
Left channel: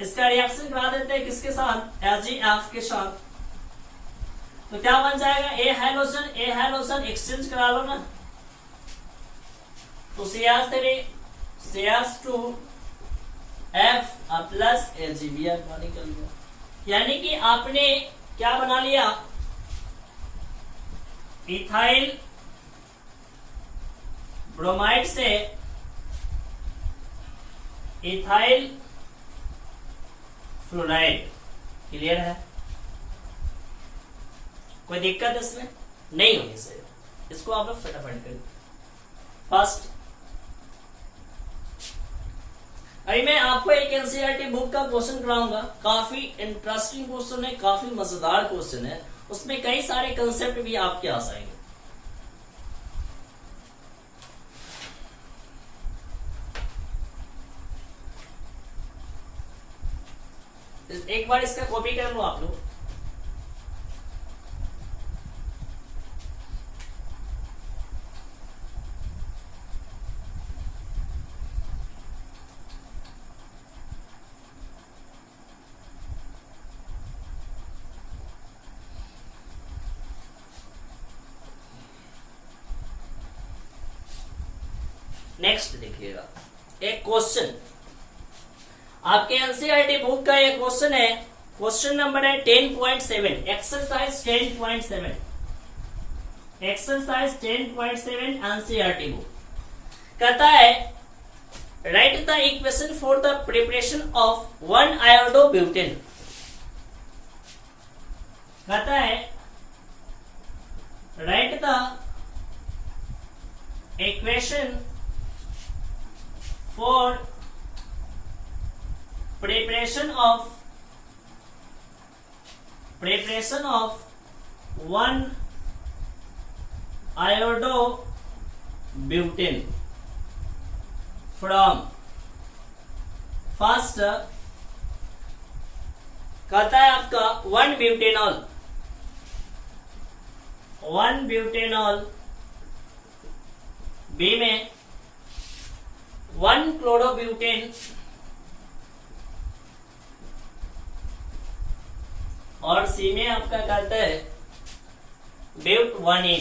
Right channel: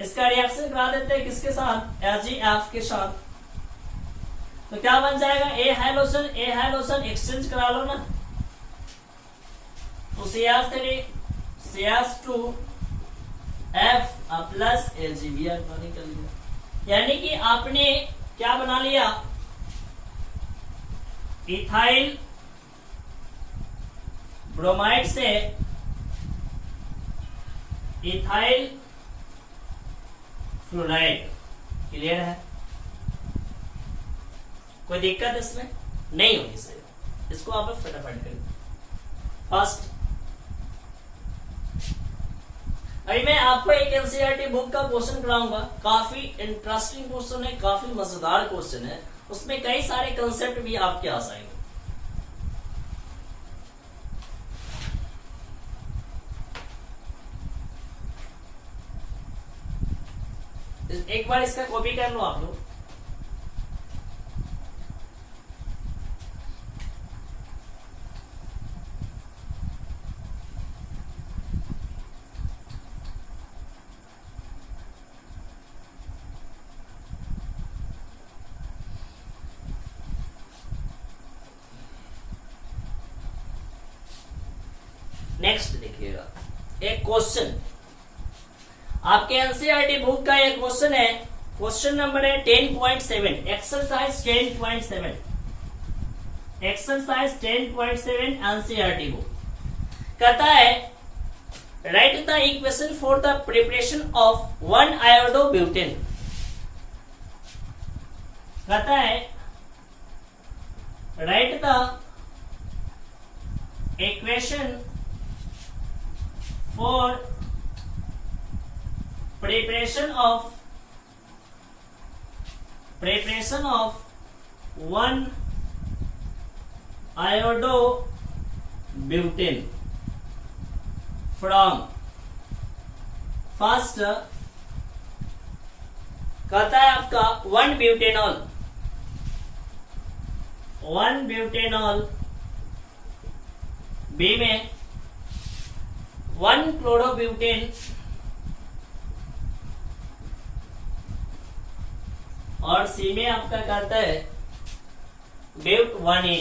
इसका रिएक्शन करा देते हैं किसके साथ? AgF के साथ। तो क्या बन जाएगा? ए हाइड्रोजन एक्सचेंज करा लो ना, तो CH3 CH2 F plus AgBr निकल गया। यानी कि आपने क्या बना लिया? इथाइल ब्रोमाइड से इथाइल फ्लोराइड। क्लियर है? कोई दिक्कत इसमें नहीं होगी सर। इसको आप लोग फटाफट करें। फर्स्ट, अभी मैं आपको एक एनसीईआरटी बुक का क्वेश्चन कराऊंगा। काफी इंटरेस्टिंग क्वेश्चन है, काफी मजेदार क्वेश्चन है। उसमें कई सारे कंसेप्ट भी आपके आ जाएंगे। एक बार इसका कॉपी कर लो आप लोग। नेक्स्ट देखिएगा, एक क्वेश्चन आपके एनसीईआरटी बुक का एक क्वेश्चन है, क्वेश्चन नंबर है 10.7, एक्सरसाइज 10.7, एक्सरसाइज 10.7 एनसीईआरटी बुक। कहता है right the equation for the preparation of 1 iodobutane. कहता है right the equation for preparation of 1 iodobutane from first कहता है आपका 1 ब्यूटेनॉल बी में 1 क्लोरोब्यूटेन और सी में आपका कहता है ब्यूट 1A।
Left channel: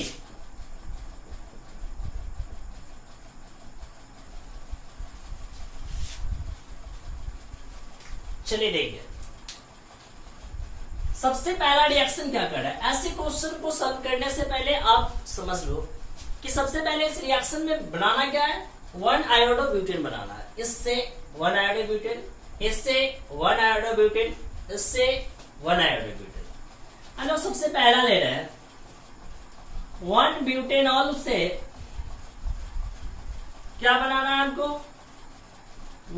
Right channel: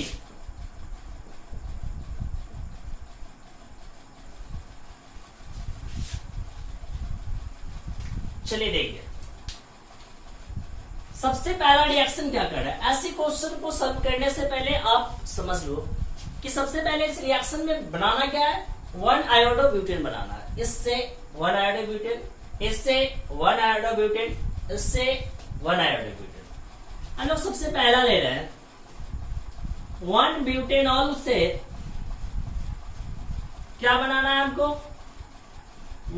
चलिए देखिए सबसे पहला रिएक्शन क्या कर रहा है। ऐसे क्वेश्चन को सॉल्व करने से पहले आप समझ लो कि सबसे पहले इस रिएक्शन में बनाना क्या है, 1 आयोडोब्यूटेन बनाना है। इससे 1 आयोडोब्यूटेन, इससे 1 आयोडोब्यूटेन, इससे 1 आयोडोब्यूटेन। हम लोग सबसे पहला ले रहे हैं 1 ब्यूटेनॉल से क्या बनाना है हमको,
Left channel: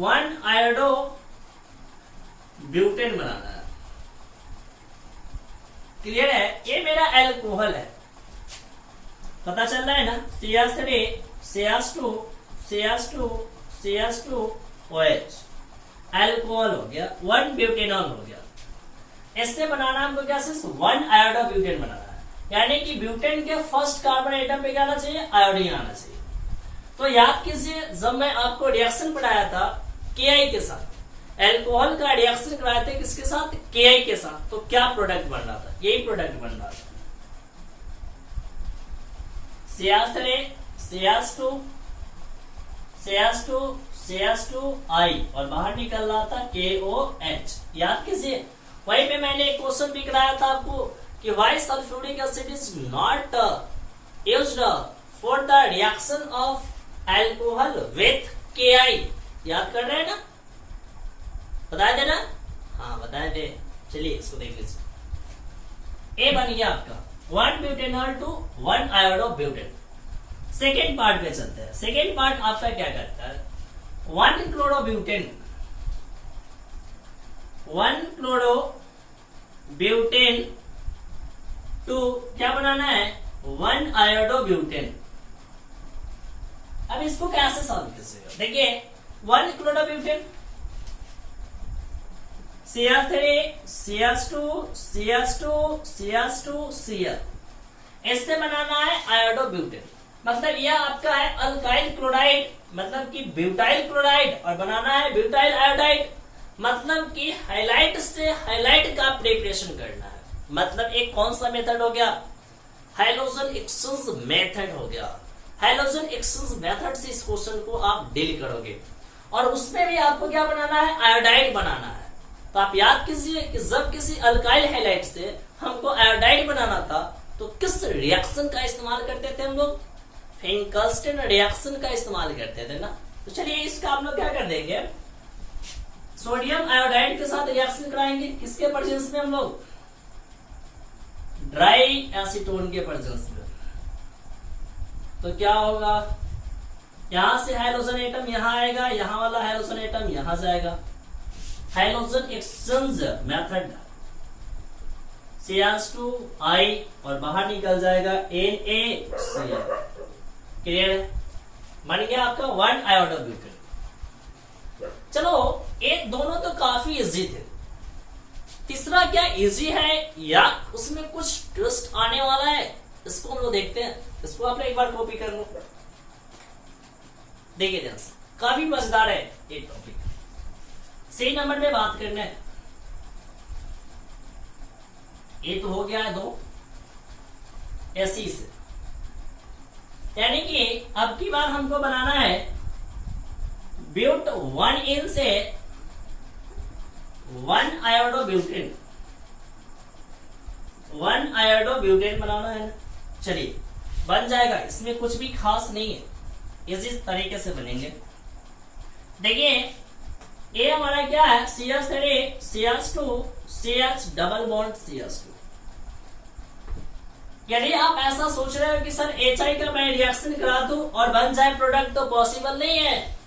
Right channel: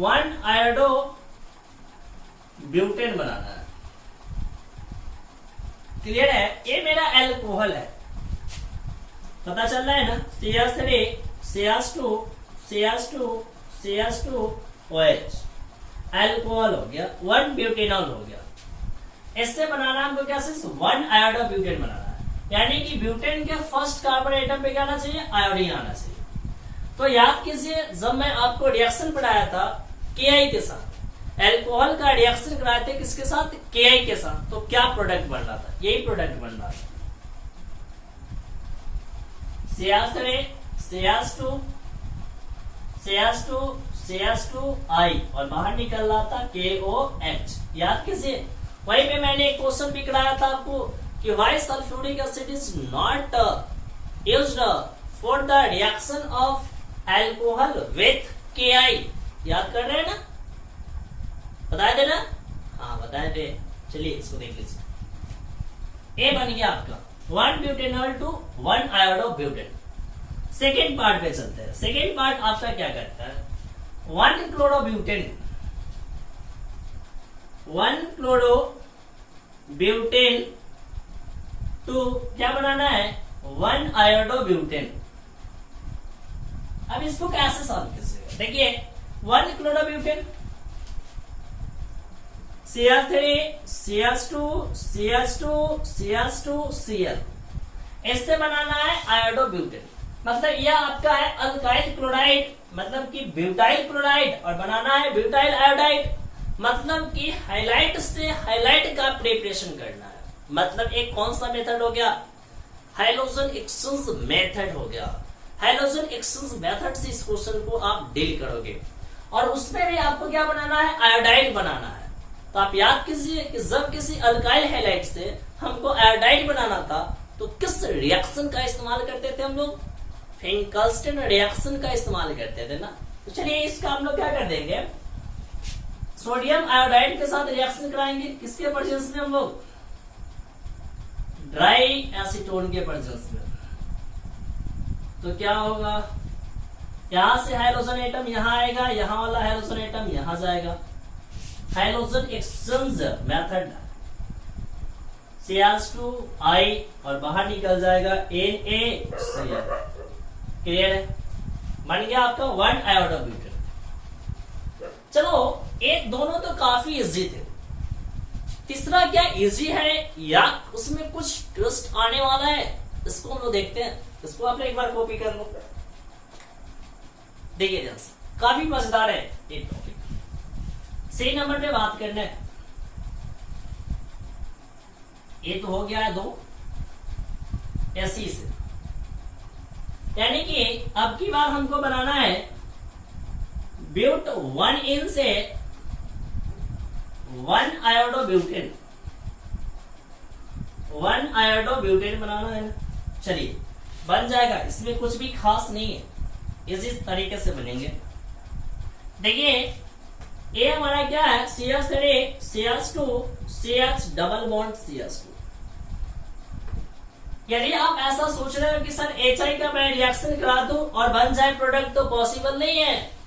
1 आयोडोब्यूटेन बनाना है। क्लियर है? ये मेरा एल्कोहल है, पता चल रहा है ना। CH3 CH2 CH2 CH2 OH alcohol हो गया, 1 ब्यूटेनॉल हो गया। इससे बनाना हमको क्या, 1 आयोडोब्यूटेन बनाना है, यानी कि ब्यूटेन के फर्स्ट कार्बन एटम पे क्या आना चाहिए, आयोडीन आना चाहिए। तो याद कीजिए जब मैं आपको रिएक्शन पढ़ाया था KI के साथ, एल्कोहल का रिएक्शन कराए थे किसके साथ, KI के साथ, तो क्या प्रोडक्ट बन रहा था, यही प्रोडक्ट बन रहा था। CH3 CH2 CH2 CH2I और बाहर निकल रहा था KOH। याद कीजिए वहीं पे मैंने एक क्वेश्चन भी कराया था आपको कि why sulphuric acid is not used for the reaction of alcohol with KI। याद कर रहे हैं ना, बताए थे ना, हाँ बताए थे। चलिए इसको देख लीजिए, ए बन गया आपका 1 butanol to 1 iodobutane. Second part पे चलते हैं। सेकेंड पार्ट आपका क्या करता है, 1 क्लोरोब्यूटेन 1 क्लोरोब्यूटेन टू क्या बनाना है, 1 आयोडोब्यूटेन। अब इसको कैसे सॉल्व कीजिएगा, देखिए 1 chlorobutane CH3 CH2 CH2 CH2 Cl, इससे बनाना है आयोडोब्यूटेन। मतलब यह आपका है अल्काइल क्लोराइड, मतलब कि ब्यूटाइल क्लोराइड, और बनाना है ब्यूटाइल आयोडाइड, मतलब कि हाइलाइट से हाइलाइट का प्रिपरेशन करना है। मतलब एक कौन सा मेथड हो गया, हाइड्रोजन एक्सचेंज मेथड हो गया। हाइड्रोजन एक्सचेंज मेथड से इस क्वेश्चन को आप डील करोगे, और उसमें भी आपको क्या बनाना है, आयोडाइड बनाना है। तो आप याद कीजिए कि जब किसी अल्काइल हैलाइड से हमको आयोडाइड बनाना था तो किस रिएक्शन का इस्तेमाल करते थे हम लोग, फिंकल्स्टन रिएक्शन का इस्तेमाल करते थे ना। तो चलिए इसका हम लोग क्या कर देंगे, सोडियम आयोडाइड के साथ रिएक्शन कराएंगे। किसके प्रेजेंस में हम लोग, ड्राई एसीटोन के प्रेजेंस में। तो क्या होगा, यहां से हाइड्रोजन एटम यहां आएगा, यहां वाला हाइड्रोजन एटम यहां जाएगा, हाइड्रोजन एक्सचेंज मेथड CH2I और बाहर निकल जाएगा NaCl। क्लियर है, बन गया आपका 1 आयोडोब्यूटेन। चलो एक दोनों तो काफी इजी थे, तीसरा क्या इजी है या उसमें कुछ ट्विस्ट आने वाला है, इसको हम लोग देखते हैं। इसको आप एक बार कॉपी कर लो, देखिए ध्यान से, काफी मजेदार है ये टॉपिक। सही नंबर पे बात करना है। ये तो हो गया है 2 ऐसी से, यानी कि अब की बार हमको बनाना है ब्यूट 1 इन से 1 आयोडोब्यूटेन, 1 आयोडोब्यूटेन बनाना है ना। चलिए बन जाएगा, इसमें कुछ भी खास नहीं है, इसी तरीके से बनेंगे। देखिए ये हमारा क्या है, CH3 CH2 CH double bond CH2। यदि आप ऐसा सोच रहे हो कि सर HI का मैं रिएक्शन करा दूं और बन जाए प्रोडक्ट, तो पॉसिबल नहीं है।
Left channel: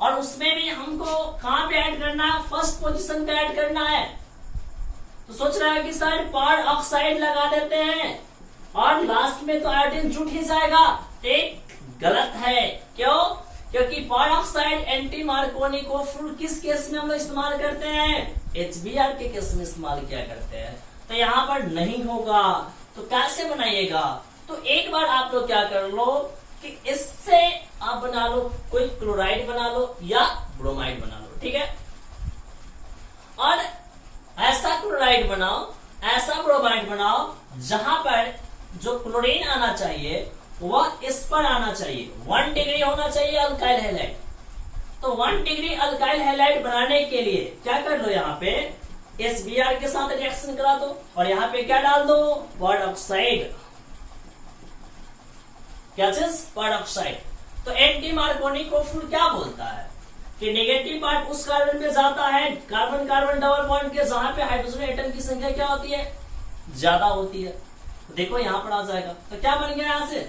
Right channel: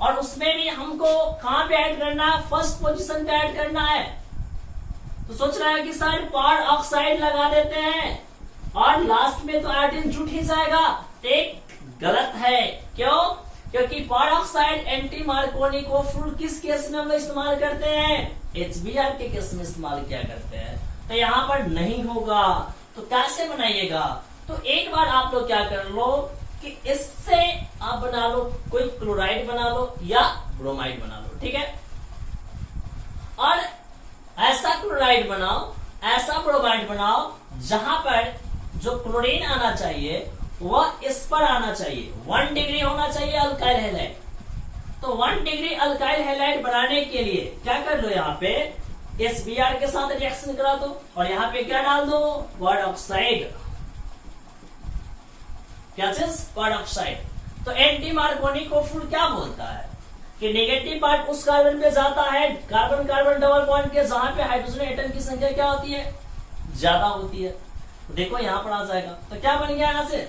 और उसमें भी हमको कहां पे ऐड करना है, फर्स्ट पोजीशन पे ऐड करना है। तो सोच रहा है कि सर पर ऑक्साइड लगा देते हैं और लास्ट में तो आयोडीन जुट ही जाएगा, एक गलत है। क्यों? क्योंकि पर ऑक्साइड एंटी मार्कोनी को फुल किस केस में हम लोग इस्तेमाल करते हैं, HBr के केस में इस्तेमाल किया करते हैं। तो यहाँ पर नहीं होगा, तो कैसे बनाइएगा? तो एक बार आप लोग क्या कर लो कि इससे आप बना लो, कोई क्लोराइड बना लो या ब्रोमाइड बना लो, ठीक है। और ऐसा क्लोराइड बनाओ, ऐसा ब्रोमाइड बनाओ जहां पर जो क्लोरीन आना चाहिए वह इस पर आना चाहिए, 1 डिग्री होना चाहिए अल्काइल हैलाइड। तो 1 डिग्री अल्काइल हैलाइड बनाने के लिए क्या कर लो, यहाँ पे SBr के साथ रिएक्शन करा दो और यहाँ पे क्या डाल दो, क्वाड ऑक्साइड। क्या चीज? Quad oxide. तो एंटी मार्कोनी को फुल क्या बोलता है कि नेगेटिव पार्ट उस कार्बन पे जाता है, कार्बन कार्बन डबल बॉन्ड के, जहां पे हाइड्रोजन एटम की संख्या क्या होती है, ज्यादा होती है। देखो यहां पर आ जाएगा, तो क्या बन गया यहां से,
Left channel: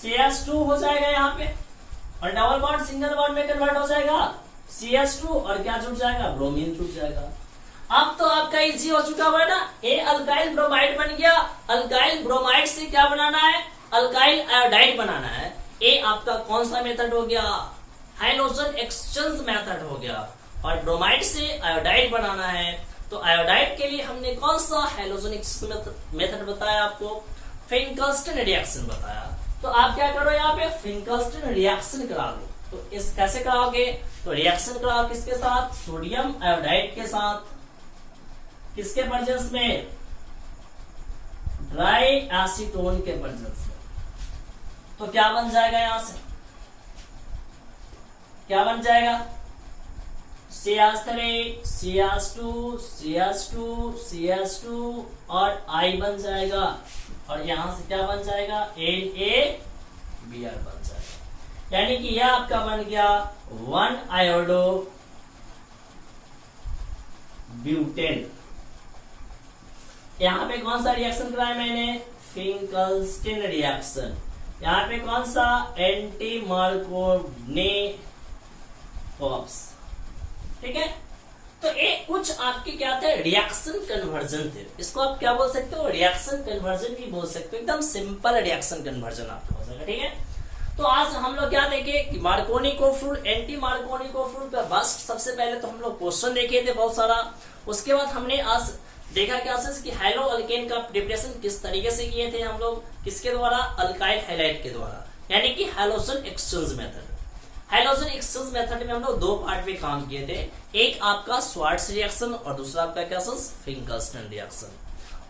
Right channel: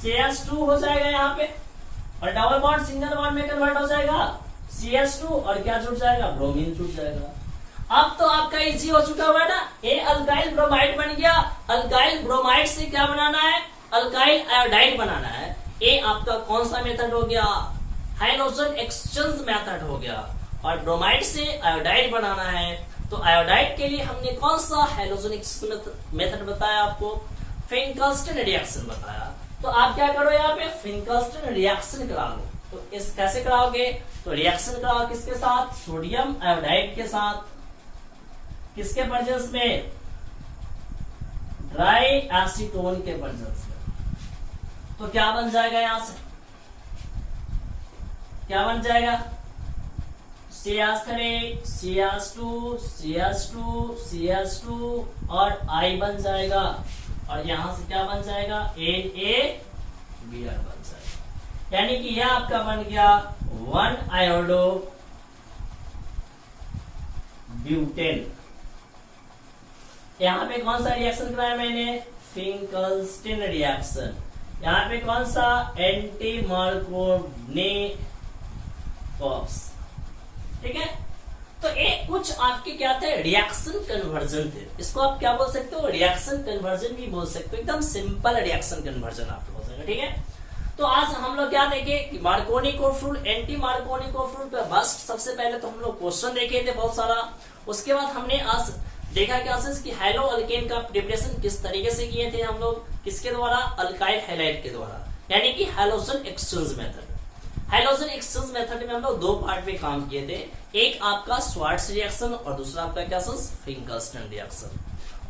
CH2 हो जाएगा यहाँ पे, और डबल बॉन्ड सिंगल बॉन्ड में कन्वर्ट हो जाएगा CH2, और क्या जुट जाएगा, ब्रोमीन जुट जाएगा। अब तो आपका इजी हो चुका हुआ ना, ये अल्काइल ब्रोमाइड बन गया। अल्काइल ब्रोमाइड से क्या बनाना है, अल्काइल आयोडाइड बनाना है। ये आपका कौन सा मेथड हो गया, हाइड्रोजन एक्सचेंज मेथड हो गया। और ब्रोमाइड से आयोडाइड बनाना है, तो आयोडाइड के लिए हमने कौन सा हाइड्रोजन एक्सचेंज मेथड बताया आपको, फिंकल्स्टन रिएक्शन बताया। तो आप क्या करो, यहाँ पे फिंकल्स्टन रिएक्शन करा लो। तो इस कैसे कराओगे, तो रिएक्शन कराओ किसके साथ, सोडियम आयोडाइड के साथ, किसके प्रेजेंस में, ड्राई एसीटोन के प्रेजेंस में। तो क्या बन जाएगा, यहां से क्या बन जाएगा, CH3 CH2 CH2 CH2 और I बन जाएगा, और यहां से क्या बन जाएगा, NaBr बन जाएगा। यानी कि यह आपका बन गया 1 आयोडो ब्यूटेन। यहाँ पे कौन सा रिएक्शन कराया मैंने, फिंकल्स्टन रिएक्शन। यहाँ पे कौन सा, एंटी मार्कोनी कॉप्स, ठीक है। तो एक कुछ आपकी क्या थे, रिएक्शन कन्वर्जन थे। इसको आप क्या बोल सकते हो, रिएक्शन कन्वर्जन भी बोल सकते हो, एकदम सिंपल रिएक्शन कन्वर्जन आपको हो जाएगा, ठीक है। तो आज हम लोग क्या देखे कि मार्कोनी कोफ्रूल, एंटी मार्कोनी कोफ्रूल पे बस सबसे पहले तो हम लोग क्वेश्चन देखे थे बहुत सारा। उसके बाद हमने आज देखा क्या कि हैलो अल्केन का प्रिपरेशन किस तरीके से किए थे हम लोग, किसके द्वारा, अल्काइल हैलाइड के द्वारा, यानी कि halogen exchange method. Halogen exchange method में हम लोग 2 पार्ट में काम किए थे, एक आपका स्वार्ट्ज रिएक्शन और दूसरा आपका क्या, फिंकल्स्टन रिएक्शन।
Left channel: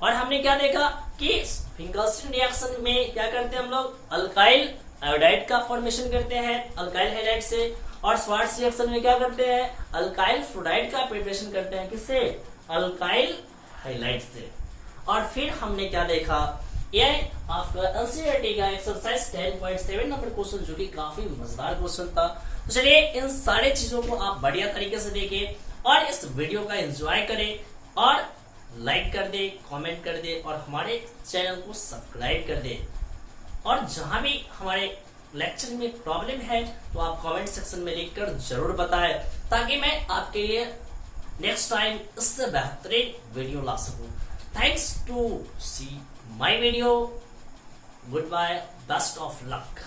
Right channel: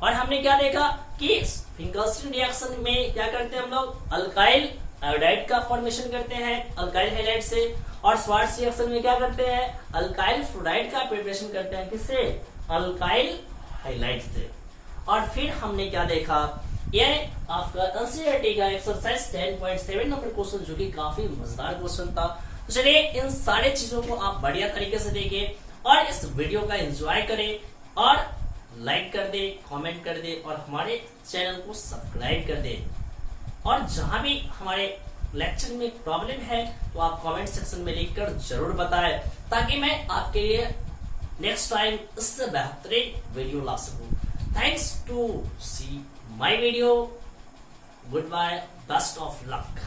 और हमने क्या देखा कि फिंकल्स्टन रिएक्शन में क्या करते हैं हम लोग, अल्काइल आयोडाइड का फॉर्मेशन करते हैं अल्काइल हैलाइड से, और स्वार्ट्ज रिएक्शन में क्या करते हैं, अल्काइल फ्लोराइड का प्रिपरेशन करते हैं, किससे, अल्काइल हाइलाइट से। और फिर हमने क्या देखा, ये आपका एनसीईआरटी का एक्सरसाइज 10.7 नंबर क्वेश्चन, जो कि काफी मजेदार क्वेश्चन था। तो चलिए इन सारे चीजों को आप बढ़िया तरीके से देखें और इस वीडियो का एंजॉय करें, और लाइक कर दे, कमेंट कर दे, और हमारे चैनल को सब्सक्राइब कर दे। और जहां भी हमारे लेक्चर में प्रॉब्लम है तो आप कमेंट सेक्शन में लिखकर जरूर बताएं, ताकि मैं आपके लिए नेक्स्ट टाइम इससे बेहतरीन वीडियो ला सकूं। Thanks to see my video, good bye, best of luck.